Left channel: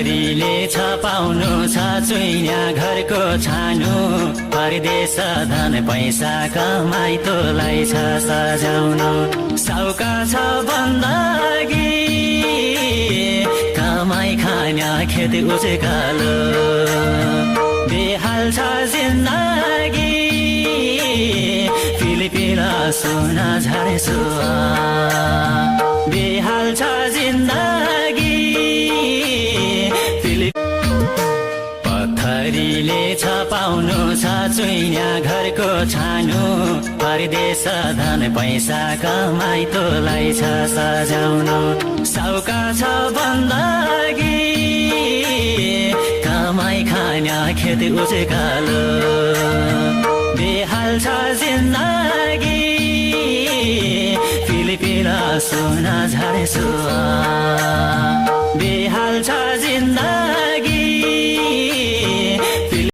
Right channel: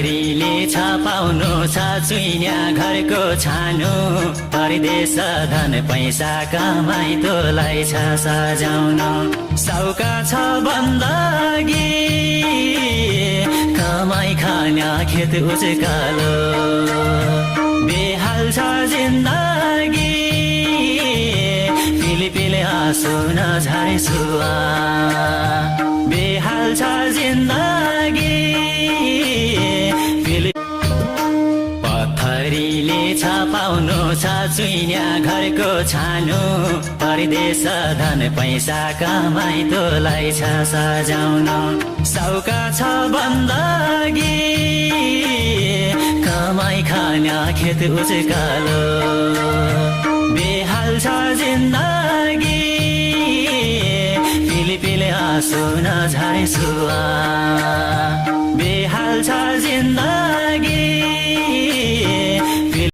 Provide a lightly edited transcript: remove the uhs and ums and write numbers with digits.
पत्थरीले छ पाउनु छ चुइया घरको छानु परदेश धन पैसा कमाइ तँलाई छ सजाउनु सौका छ बन्दगी कमाइ खाना खेत उजगालो बेहाल छ जिन्दगी फिलिपिया सोना झारे सुहा बेहाल छ जिन्दगी पत्थरीले छ पाउनु छ चुइया घरको छानु परदेश धन पैसा कमाइ तँलाई छ सजाउनु सौका छ बन्दगी कमाइ खाना खेत उजगालो बेहाल छ जिन्दगी फिलिपिया सोना झारे सुहा बेहाल छ जिन्दगी